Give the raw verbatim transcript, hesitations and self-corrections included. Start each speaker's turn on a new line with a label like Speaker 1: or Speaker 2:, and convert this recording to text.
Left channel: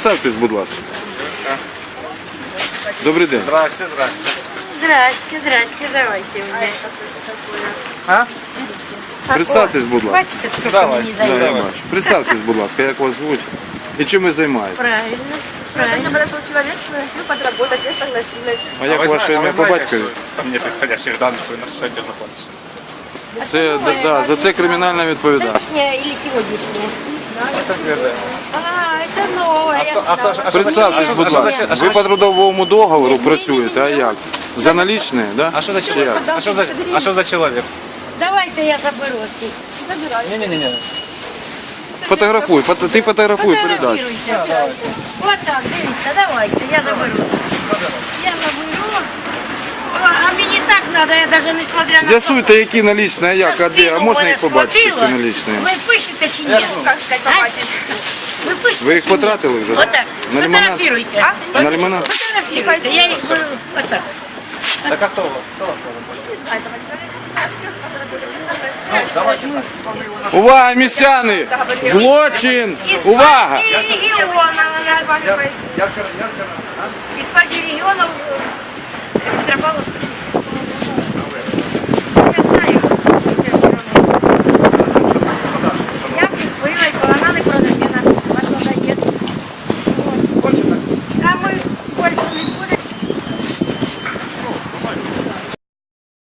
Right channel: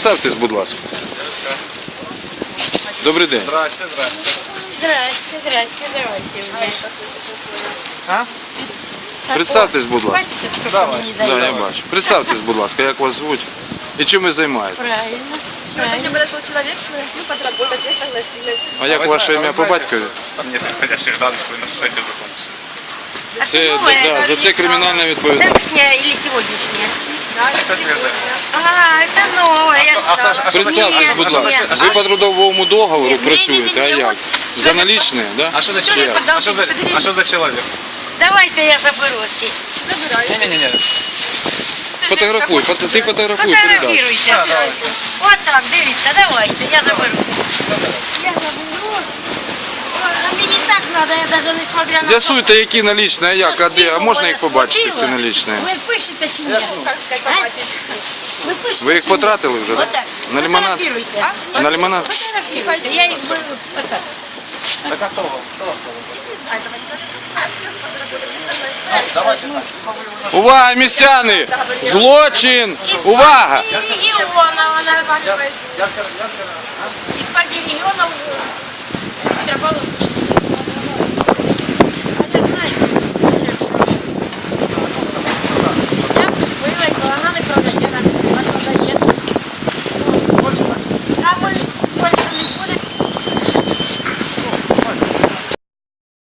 Speaker 1: Представтесь, будь ласка. Добрий день.
Speaker 2: Здрасте, здрасте.
Speaker 3: Здрасте, здрасте, давайте.
Speaker 2: А?
Speaker 1: Представтесь, будь ласка.
Speaker 3: Бачите, сколько
Speaker 2: Давай.
Speaker 3: мені
Speaker 1: Да,
Speaker 3: дають?
Speaker 1: я бачу. Представтесь, будь ласка, як вас звуть і чим ви займаєтесь?
Speaker 3: Правильно.
Speaker 4: Ко мне подошел человек, что подработать, я согласилась.
Speaker 1: А як ваше ім'я по батькові?
Speaker 2: Там нет исходящих данных, вы нарушаете закон сейчас.
Speaker 1: Це, за, за це кримінальна відповідальність.
Speaker 3: Завтрашняя или сегодняшняя?
Speaker 2: Это свежее.
Speaker 3: А, это новое.
Speaker 2: А кто, а кто, а что за человек? А что, а что за человек? А
Speaker 1: Ви
Speaker 2: что,
Speaker 1: по трудовому договору працюєте, а як? За налічні, да?
Speaker 2: а что за человек? А что за, а что за человек?
Speaker 3: Давайте я заберу ці.
Speaker 4: Забирай.
Speaker 2: Не-не-не.
Speaker 1: Фотографуй, фото, ти фотографуй передачу.
Speaker 3: Фотографируйте. Вот так, дивіться, давайте, я заберу. Я заберу. А мені так надо, я даже не смотря на
Speaker 1: З'ясуйте, які налічні, а як, а де, а можна їх побачити, ці налічні?
Speaker 3: Ви пишете чи ні?
Speaker 4: Как сказать, хватит.
Speaker 3: Ну пишете.
Speaker 1: Ви їх потратили вже?
Speaker 3: Вот так,
Speaker 1: На лимонад?
Speaker 3: фотографируйте.
Speaker 1: На лимонад?
Speaker 3: Фотографируйте, я їх э, вот так.
Speaker 2: Так а кто?
Speaker 1: Увага, містяни! Злочин! Увага!
Speaker 3: І Іонова,